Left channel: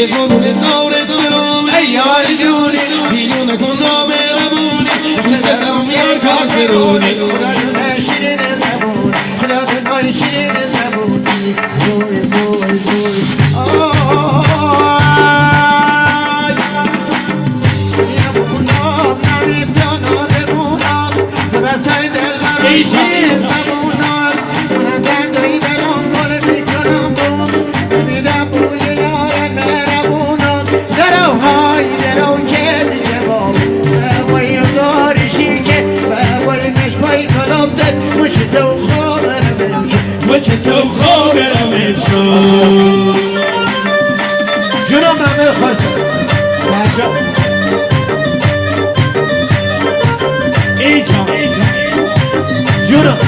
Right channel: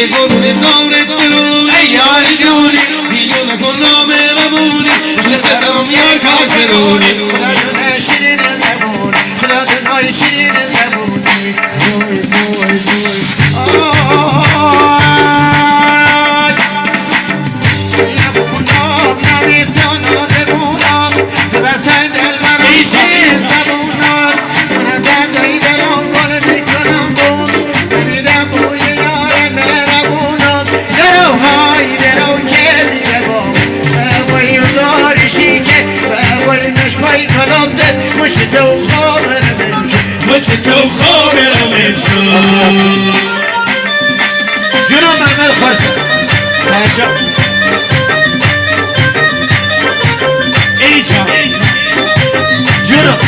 یه قرون نامرت برون ای یار جونی بیگونه کن نام ربونی دوست دارم یار کاسرونی خدا دنای شیرین زبون خدا دنای شیرین زبونی وای وای وای آی یبونم نمیتون نبونم زرا سایدل نمیشی زبونم من دردی دلم گل میکنم بود بمیدم بوی یارم نربونم درو های درو که دیگه با بای داریشی که بای نشمای کلامدن مشتو خابرم امشو تو خابرم امشو جونم ممل خوشم سنجا ای جان جونم